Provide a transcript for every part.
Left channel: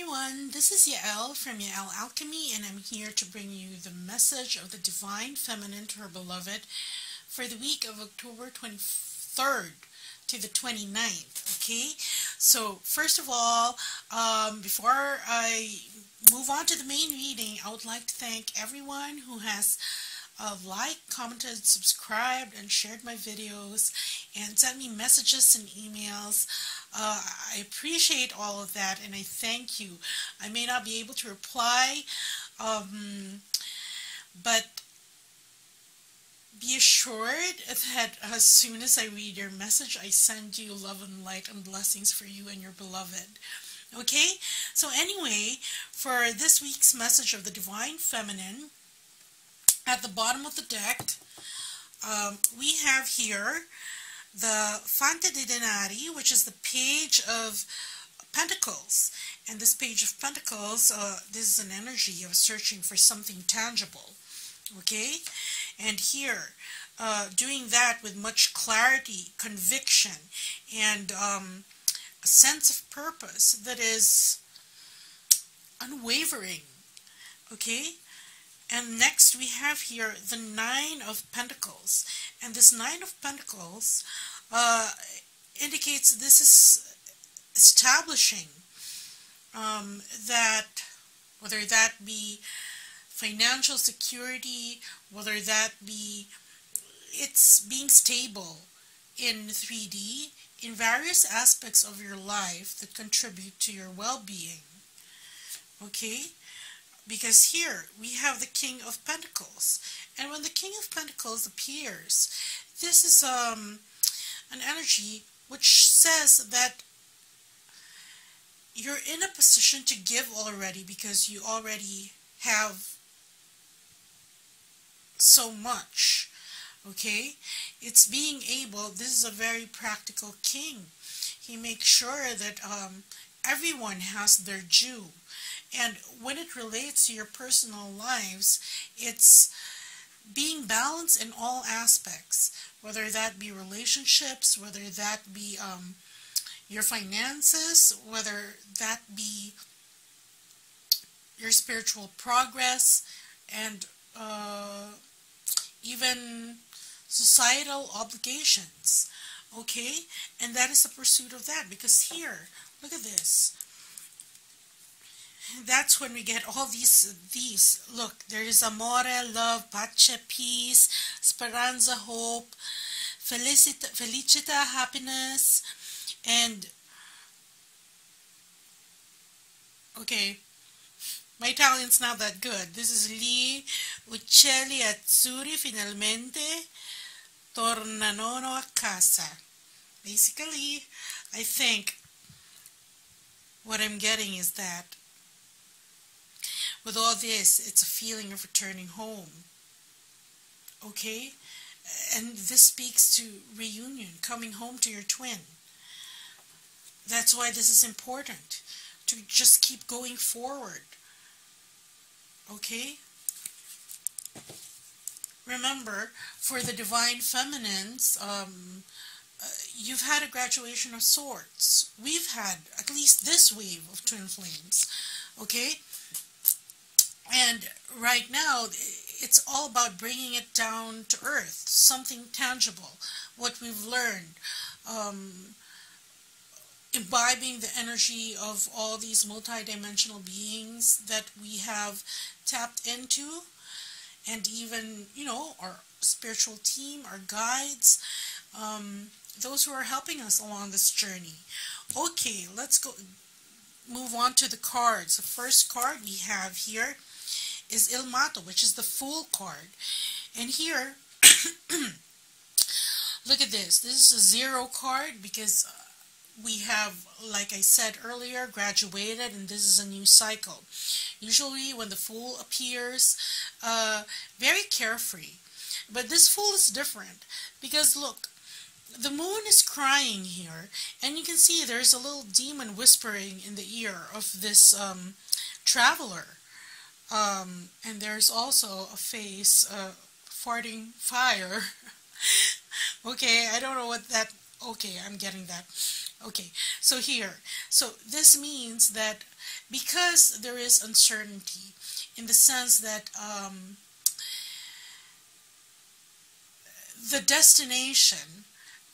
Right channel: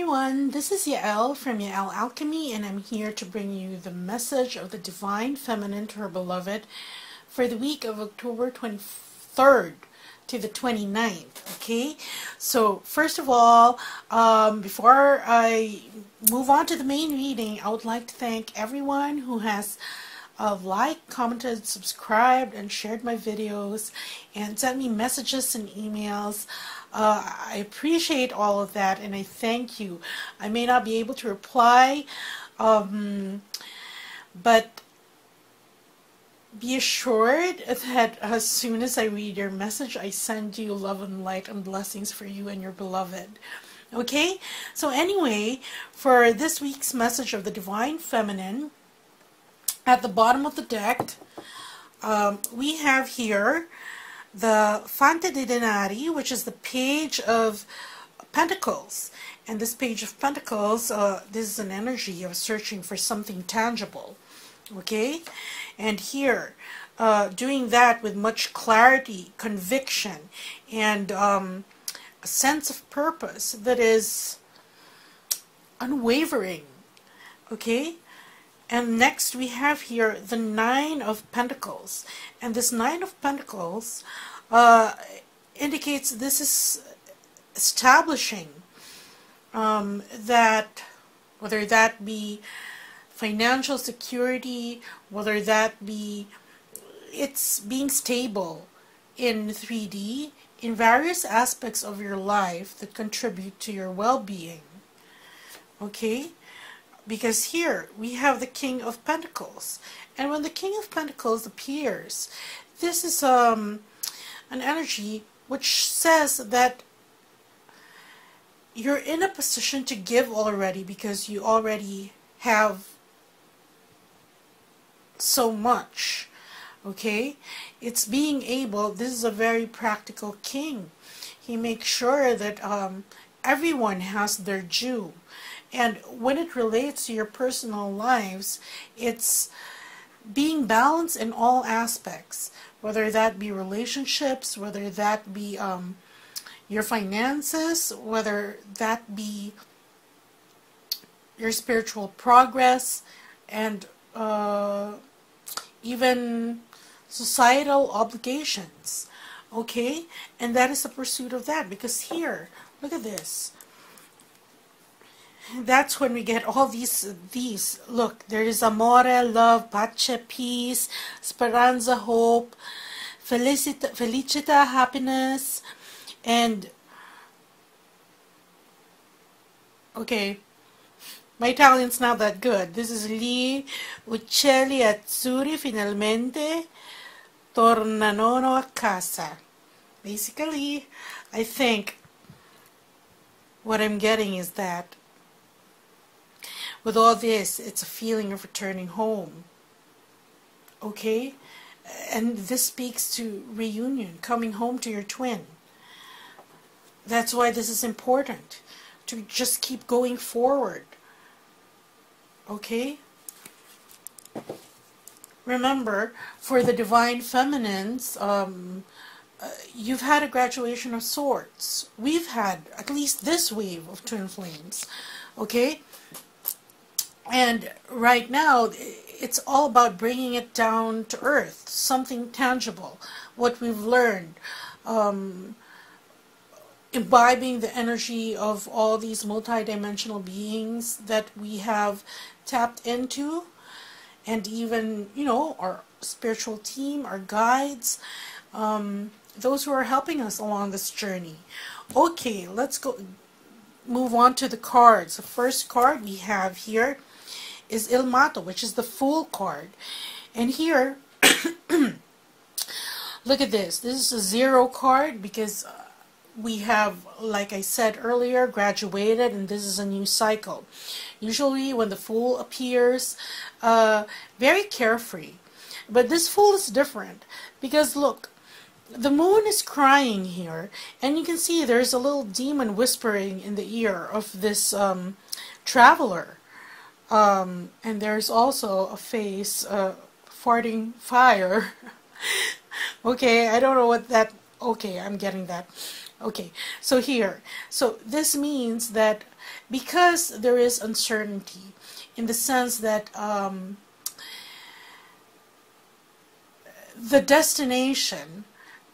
everyone, this is Yael from Yael Alchemy, and I'm here to bring you the message of the Divine Feminine to her beloved for the week of October 23rd to the 29th, okay? So, first of all, before I move on to the main reading, I would like to thank everyone who has liked, commented, subscribed, and shared my videos, and sent me messages and emails. I appreciate all of that, and I thank you. I may not be able to reply, but be assured that as soon as I read your message, I send you love and light and blessings for you and your beloved. Okay? So anyway, for this week's message of the Divine Feminine, at the bottom of the deck, we have here the Fante de Denari, which is the Page of Pentacles. And this Page of Pentacles, this is an energy of searching for something tangible. Okay? And here, doing that with much clarity, conviction, and a sense of purpose that is unwavering. Okay? And next we have here the Nine of Pentacles. And this Nine of Pentacles indicates this is establishing that, whether that be financial security, whether that be it's being stable in 3D, in various aspects of your life that contribute to your well-being. Okay? Because here we have the King of Pentacles, and when the King of Pentacles appears, this is an energy which says that you're in a position to give already, because you already have so much. Okay, it's being able. This is a very practical king. He makes sure that everyone has their due. And when it relates to your personal lives, it's being balanced in all aspects, whether that be relationships, whether that be your finances, whether that be your spiritual progress, and even societal obligations. Okay? And that is the pursuit of that, because here, look at this. That's when we get all these. Look, there is amore, love, pace, peace, speranza, hope, felicita, happiness, and okay, my Italian's not that good. This is Gli uccelli azzurri finalmente tornano a casa. Basically, I think what I'm getting is that with all this, it's a feeling of returning home. Okay? And this speaks to reunion, coming home to your twin. That's why this is important, to just keep going forward. Okay? Remember, for the Divine Feminines, you've had a graduation of sorts. We've had at least this wave of twin flames. Okay? And right now, it's all about bringing it down to earth, something tangible, what we've learned, imbibing the energy of all these multidimensional beings that we have tapped into, and even, you know, our spiritual team, our guides, those who are helping us along this journey. Okay, let's go move on to the cards. The first card we have here is Il Mato, which is the Fool card. And here, look at this. This is a 0 card, because we have, like I said earlier, graduated, and this is a new cycle. Usually when the Fool appears, very carefree. But this Fool is different, because look, the moon is crying here, and you can see there's a little demon whispering in the ear of this traveler. And there's also a face farting fire. Okay, I don't know what that... Okay, I'm getting that. Okay, so here, so this means that because there is uncertainty in the sense that the destination,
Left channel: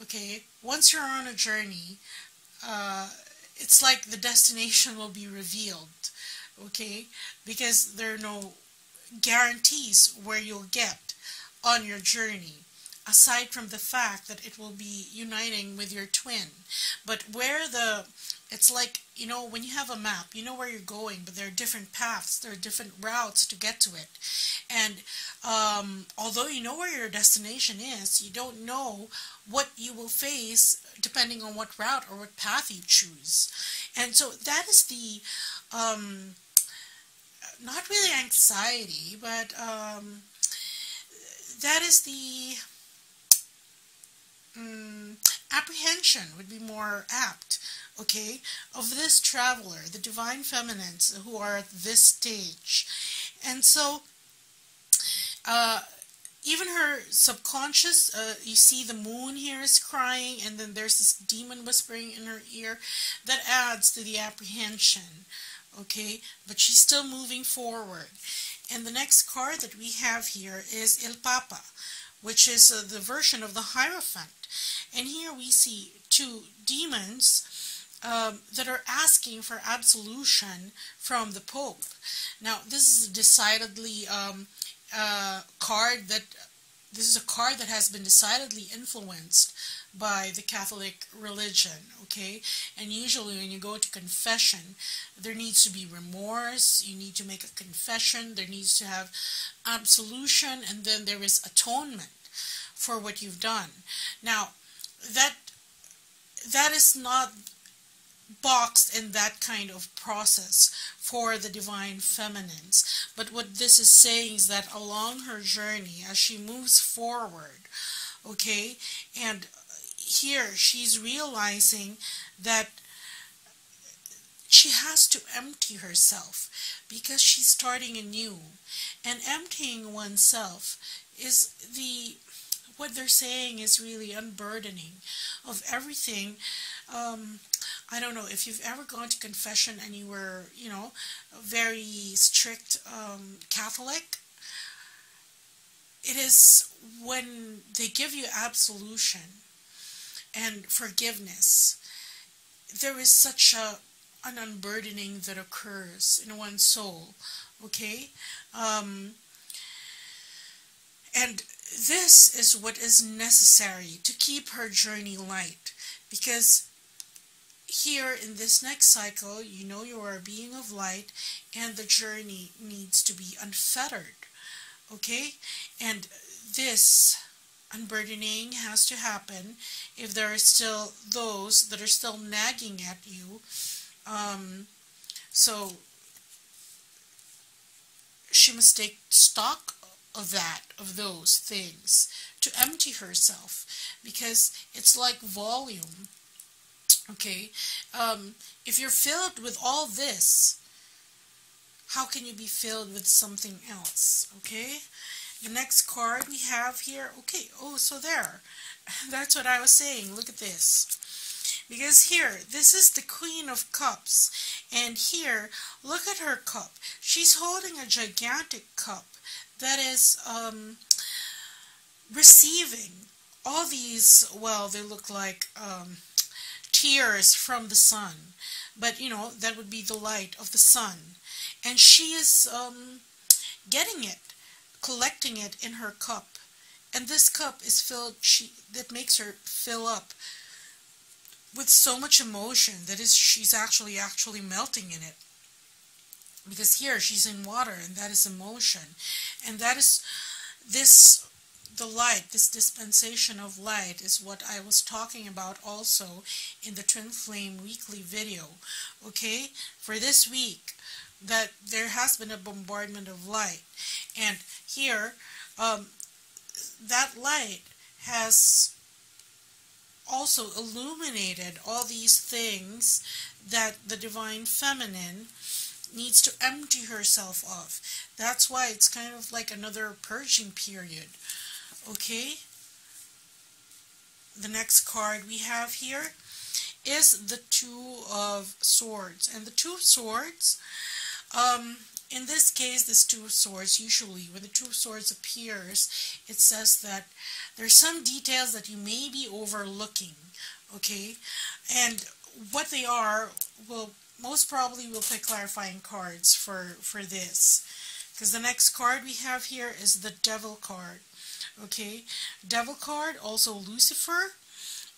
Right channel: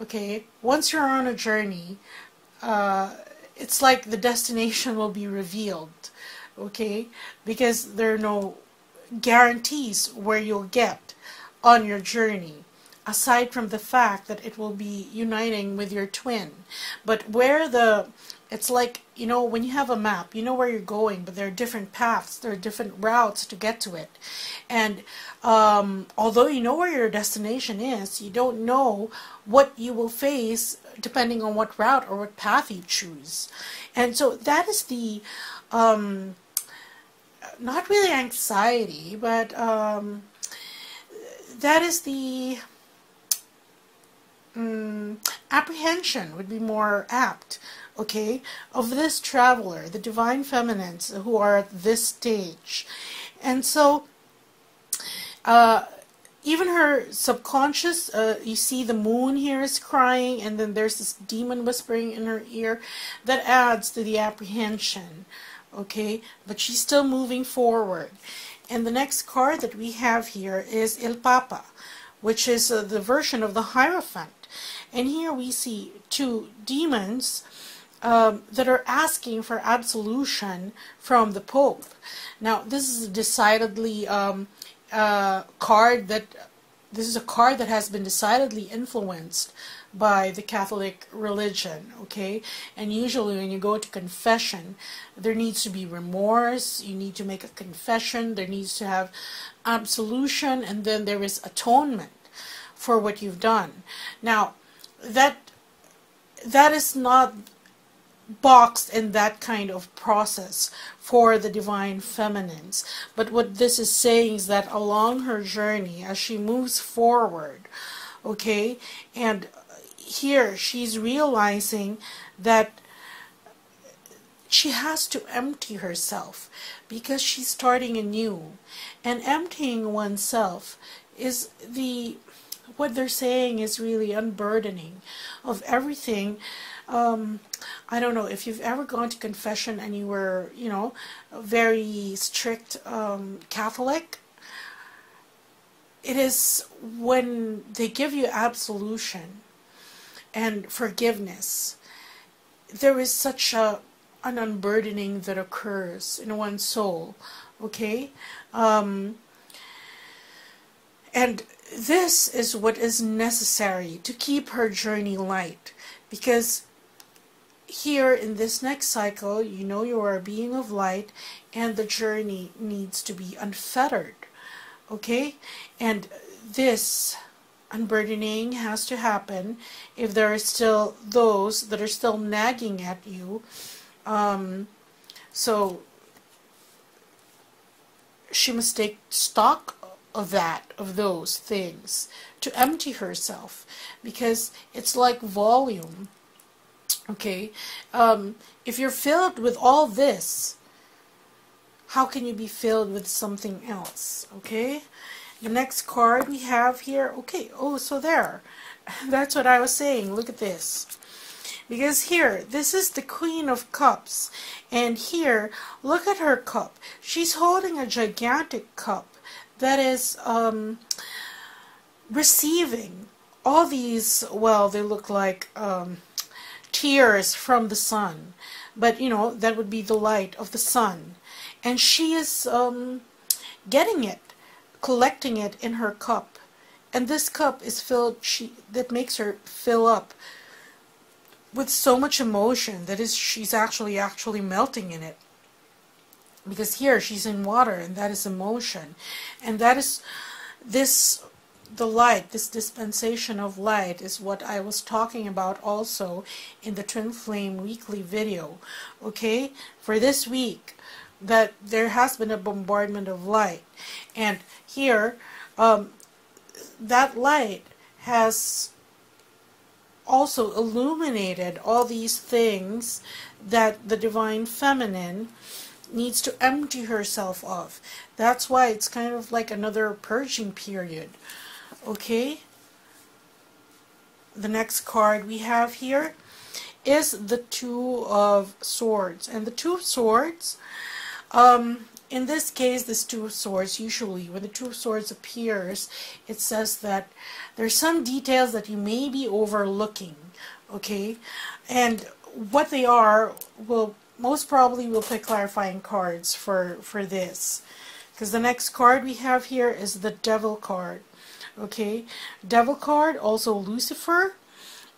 okay, once you're on a journey, it's like the destination will be revealed, okay, because there are no guarantees where you'll get on your journey, aside from the fact that it will be uniting with your twin. But where it's like, you know, when you have a map, you know where you're going, but there are different paths, there are different routes to get to it. And although you know where your destination is, you don't know what you will face depending on what route or what path you choose. And so that is the, not really anxiety, but that is the apprehension would be more apt, okay, of this traveler, the divine feminines who are at this stage. And so even her subconscious, you see the moon here is crying, and then there's this demon whispering in her ear that adds to the apprehension, okay, but she's still moving forward. And the next card that we have here is El Papa, which is the version of the Hierophant. And here we see two demons that are asking for absolution from the Pope. Now, this is decidedly a card that has been decidedly influenced by the Catholic religion, okay? And usually when you go to confession, there needs to be remorse, you need to make a confession, there needs to have absolution, and then there is atonement for what you've done. Now, that is not boxed in that kind of process for the divine feminines, but what this is saying is that along her journey, as she moves forward, okay, and here she's realizing that she has to empty herself because she's starting anew, and emptying oneself is what they're saying is really unburdening of everything. I don't know if you've ever gone to confession and you were, you know, a very strict Catholic. It is when they give you absolution and forgiveness, there is such an unburdening that occurs in one's soul, okay? And this is what is necessary to keep her journey light, because here in this next cycle, you know you are a being of light, and the journey needs to be unfettered, okay? And this unburdening has to happen if there are still those that are still nagging at you. So she must take stock of those things, to empty herself, because it's like volume, okay? If you're filled with all this, how can you be filled with something else, okay? The next card we have here, okay, oh, so there, that's what I was saying, look at this. Because here, this is the Queen of Cups, and here, look at her cup. She's holding a gigantic cup that is receiving all these, well, they look like tears from the sun, but you know, that would be the light of the sun, and she is getting it, collecting it in her cup, and this cup is filled, that makes her fill up with so much emotion that she's actually melting in it. Because here she's in water, and that is emotion, and that is the light, this dispensation of light is what I was talking about also in the Twin Flame weekly video, okay, for this week, that there has been a bombardment of light, and here that light has also illuminated all these things that the divine feminine needs to empty herself of. That's why it's kind of like another purging period, okay? The next card we have here, is the Two of Swords. And the Two of Swords, in this case, this Two of Swords, usually when the Two of Swords appears, it says that there's some details that you may be overlooking, okay? And what they are, will most probably we'll pick clarifying cards for this. Because the next card we have here is the Devil card, okay? Devil card, also Lucifer.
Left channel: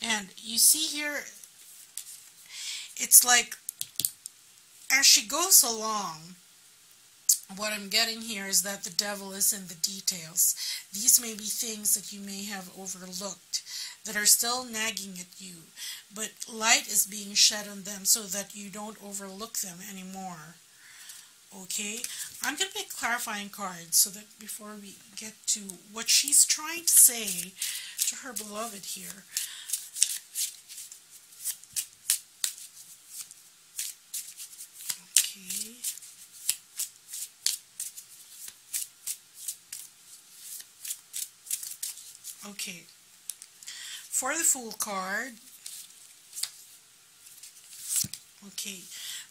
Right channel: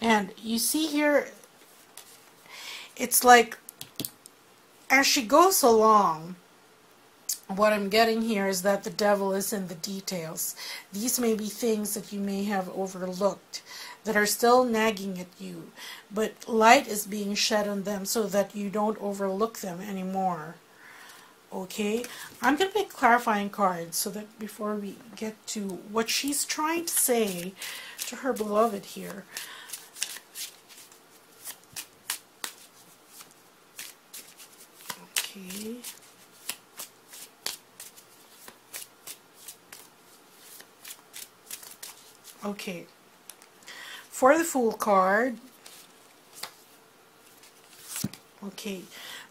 And you see here, it's like, as she goes along, what I'm getting here is that the devil is in the details. These may be things that you may have overlooked that are still nagging at you, but light is being shed on them so that you don't overlook them anymore. Okay, I'm going to pick clarifying cards so that before we get to what she's trying to say to her beloved here. Okay. Okay. For the Fool card, okay,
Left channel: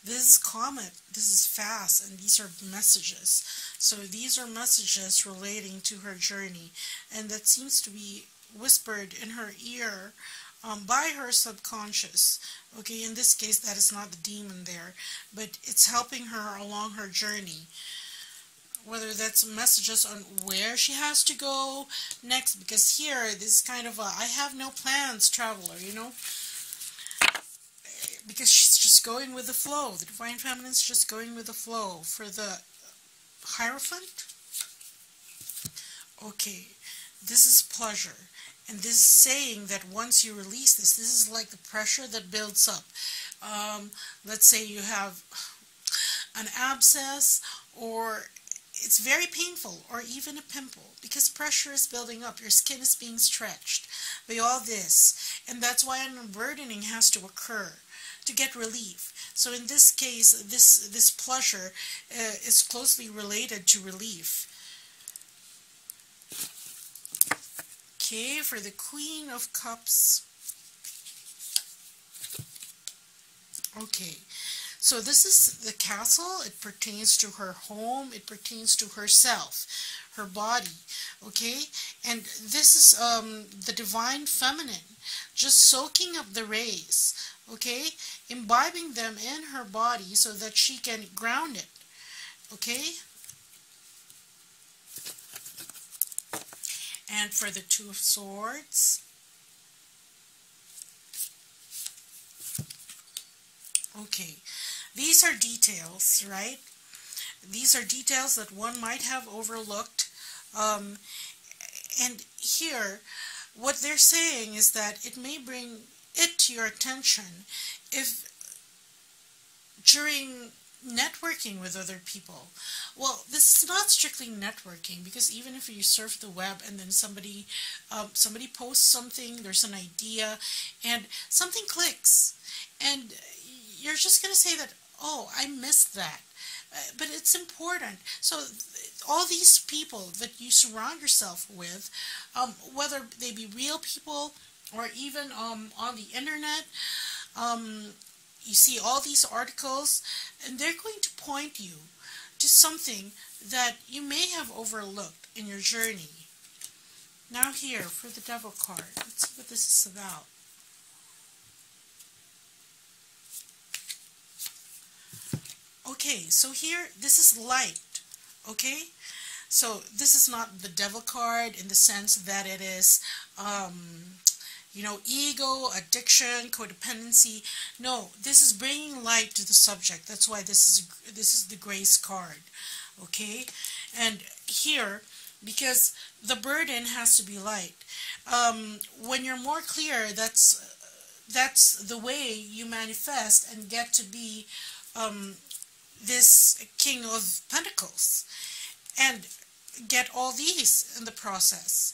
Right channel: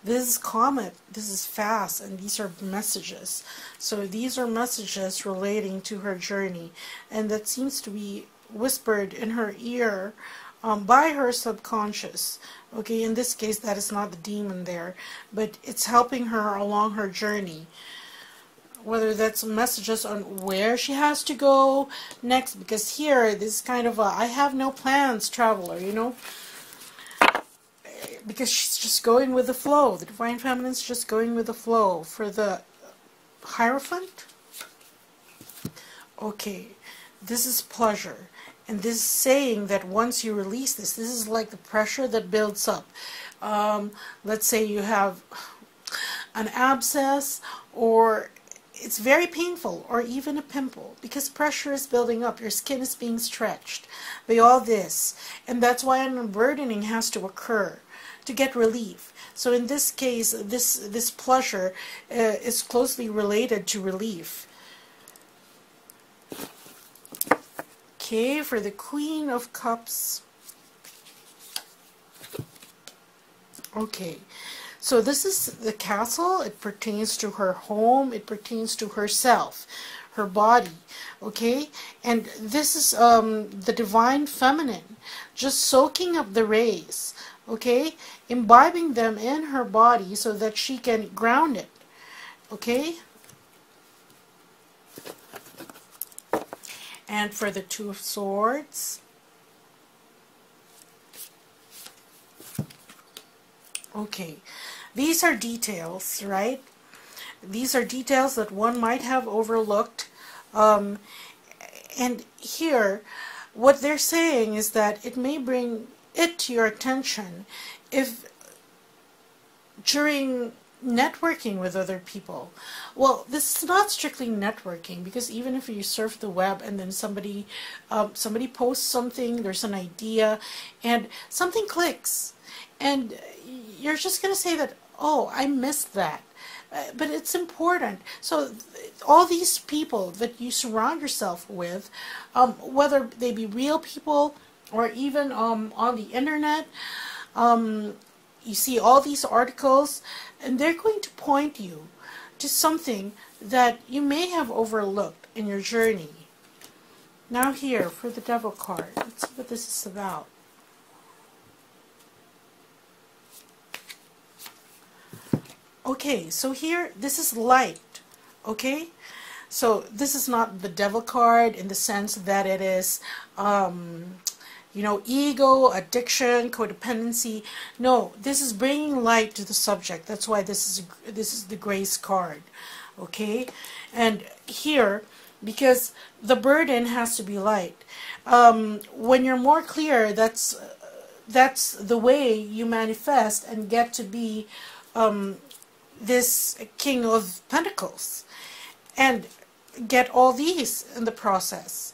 this is comet, this is fast, and these are messages. So these are messages relating to her journey, and that seems to be whispered in her ear by her subconscious. Okay, in this case, that is not the demon there, but it's helping her along her journey. Whether that's messages on where she has to go next, because here, this is kind of a I have no plans traveler, you know? Because she's just going with the flow. The Divine Feminine's just going with the flow. For the Hierophant, okay, this is pleasure. And this is saying that once you release this is like the pressure that builds up. Let's say you have an abscess, or it's very painful, or even a pimple, because pressure is building up. Your skin is being stretched by all this. And that's why an unburdening has to occur to get relief. So in this case, this pleasure is closely related to relief. Okay, for the Queen of Cups. Okay, so this is the Castle. It pertains to her home. It pertains to herself, her body. Okay, and this is the Divine Feminine, just soaking up the rays. Okay, imbibing them in her body so that she can ground it. Okay. And for the Two of Swords, okay, these are details, right? These are details that one might have overlooked. And here, what they're saying is that it may bring it to your attention if during networking with other people. Well, this is not strictly networking, because even if you surf the web and then somebody posts something, there's an idea, and something clicks, and you're just going to say that, oh, I missed that. But it's important. So all these people that you surround yourself with, whether they be real people or even on the internet, you see all these articles, and they're going to point you to something that you may have overlooked in your journey. Now here, for the Devil card, let's see what this is about. Okay, so here, this is light, okay? So this is not the Devil card in the sense that it is, you know, ego, addiction, codependency. No, this is bringing light to the subject. That's why this is the Grace card, okay? And here, because the burden has to be light. When you're more clear, that's the way you manifest and get to be this King of Pentacles, and get all these in the process.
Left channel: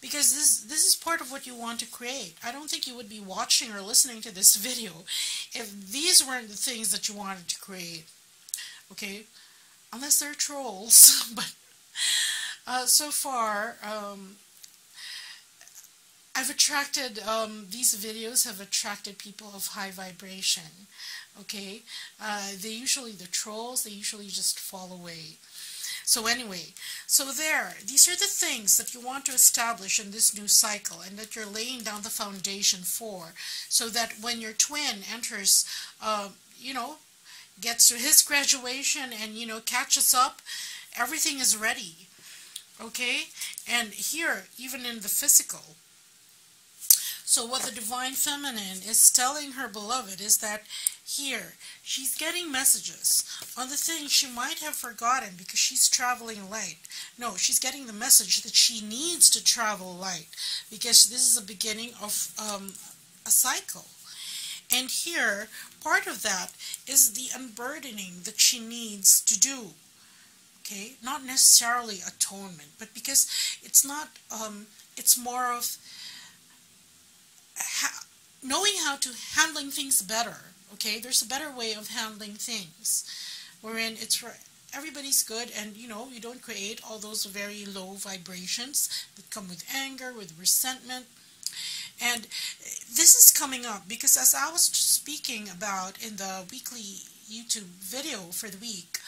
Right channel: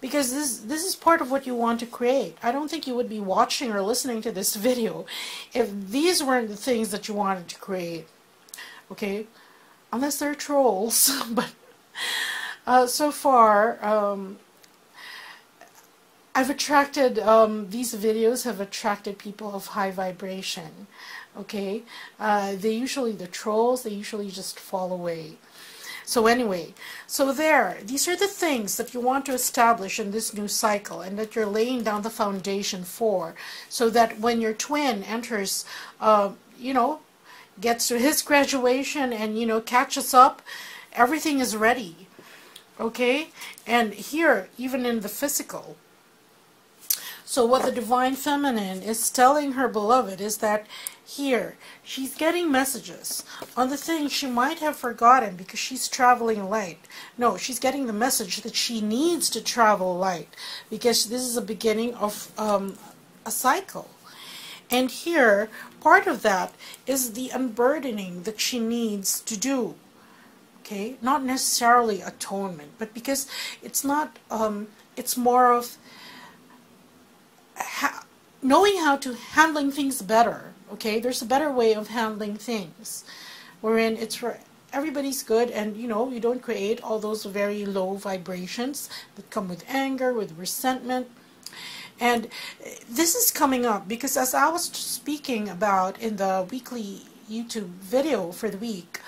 Because this is part of what you want to create. I don't think you would be watching or listening to this video if these weren't the things that you wanted to create. Okay? Unless they're trolls. But so far, I've attracted, these videos have attracted people of high vibration, okay? They usually, the trolls, they usually just fall away. So anyway, so there, these are the things that you want to establish in this new cycle and that you're laying down the foundation for, so that when your twin enters, you know, gets to his graduation and, you know, catches up, everything is ready, okay? And here, even in the physical, so what the Divine Feminine is telling her beloved is that here, she's getting messages on the things she might have forgotten because she's traveling light. No, she's getting the message that she needs to travel light because this is a beginning of a cycle. And here, part of that is the unburdening that she needs to do. Okay? Not necessarily atonement, but because it's not, it's more of knowing how to handling things better. Okay, there's a better way of handling things, wherein it's for everybody's good, and you know, you don't create all those very low vibrations that come with anger, with resentment. And this is coming up because, as I was speaking about in the weekly YouTube video for the week,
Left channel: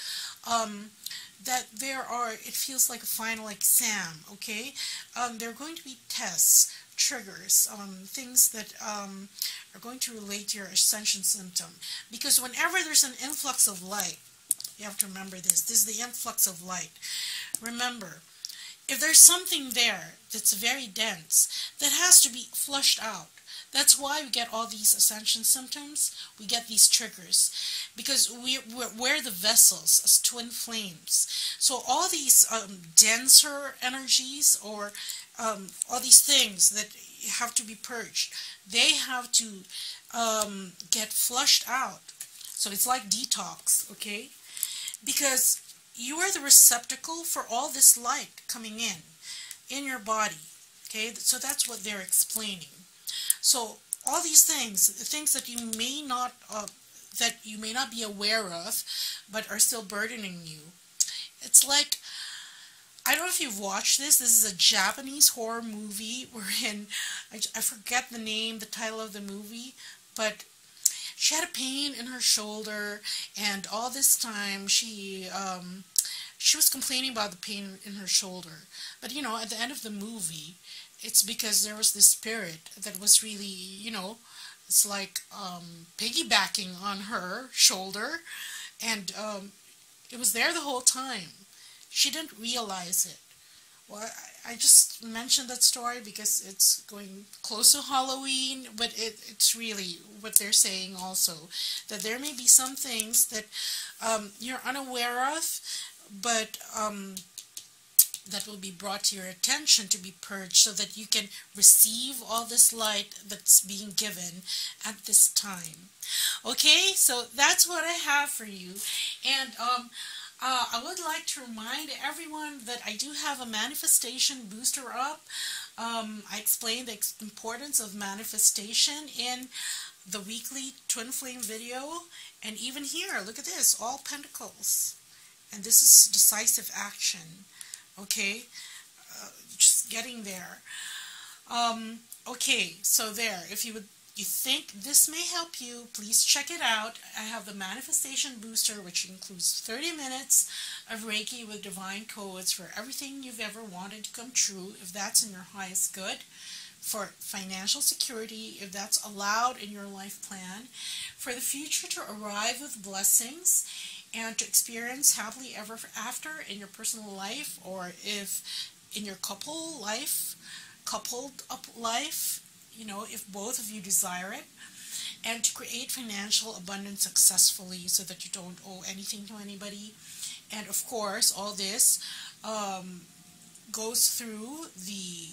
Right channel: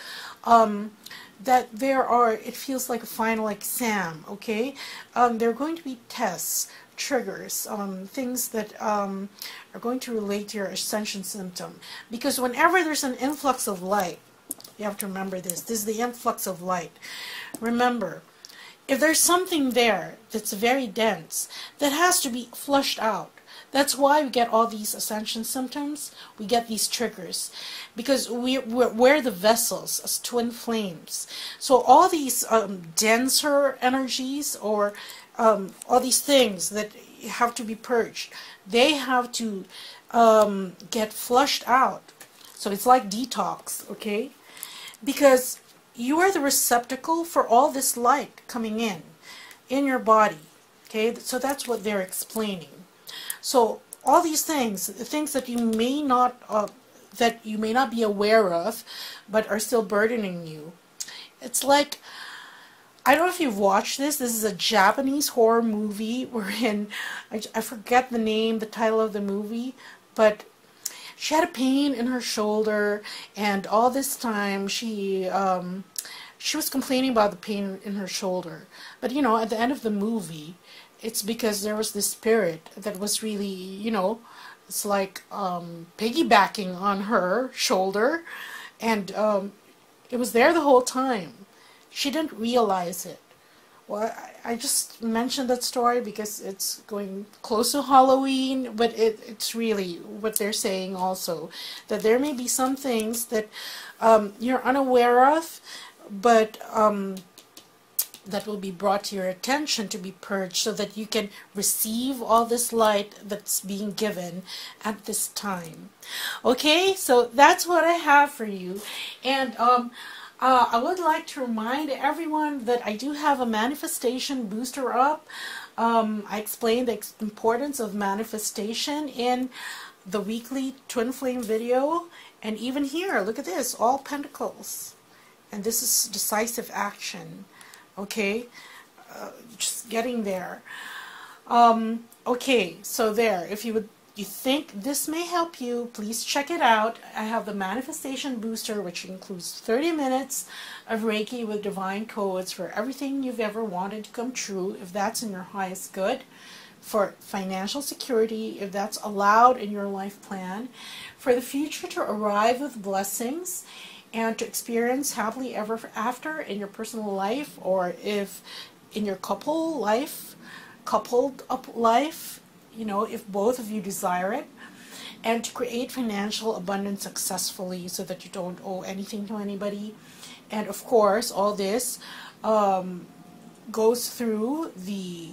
that there are, it feels like a final exam, okay? There are going to be tests, triggers, things that are going to relate to your ascension symptom. Because whenever there's an influx of light, you have to remember this. This is the influx of light. Remember, if there's something there that's very dense, that has to be flushed out. That's why we get all these ascension symptoms. We get these triggers because we're the vessels as twin flames. So all these denser energies, or all these things that have to be purged, they have to get flushed out. So it's like detox, okay? Because you are the receptacle for all this light coming in your body, okay? So that's what they're explaining. So all these things, the things that you may not be aware of, but are still burdening you. It's like, I don't know if you've watched this. This is a Japanese horror movie wherein, I forget the name, the title of the movie, but she had a pain in her shoulder, and all this time she was complaining about the pain in her shoulder. But you know, at the end of the movie, it's because there was this spirit that was really, you know, it's like piggybacking on her shoulder, and it was there the whole time. She didn't realize it. Well, I just mentioned that story because it's going close to Halloween, but it's really what they're saying also, that there may be some things that you're unaware of, but that will be brought to your attention to be purged so that you can receive all this light that's being given at this time. Okay, so that's what I have for you. And I would like to remind everyone that I do have a manifestation booster up. I explained the importance of manifestation in the weekly twin flame video. And even here, look at this, all pentacles. And this is decisive action. Okay, just getting there. Okay, so there, if you think this may help you, please check it out. I have the Manifestation Booster, which includes 30 minutes of Reiki with divine codes for everything you've ever wanted to come true, if that's in your highest good, for financial security, if that's allowed in your life plan, for the future to arrive with blessings, and to experience happily ever after in your personal life, or if in your coupled up life, you know, if both of you desire it, and to create financial abundance successfully so that you don't owe anything to anybody. And of course, all this goes through the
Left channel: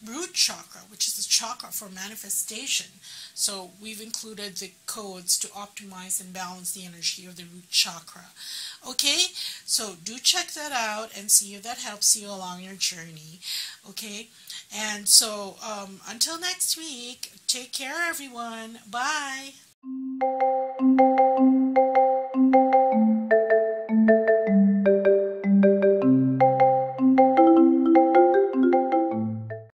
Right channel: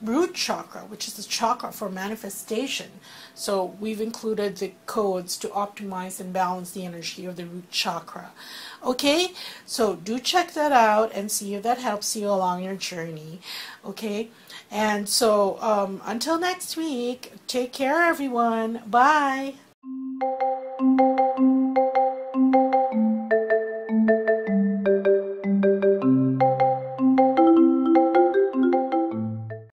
Root Chakra, which is the chakra for manifestation. So we've included the codes to optimize and balance the energy of the Root Chakra. Okay, so do check that out and see if that helps you along your journey. Okay, and so until next week, take care everyone. Bye.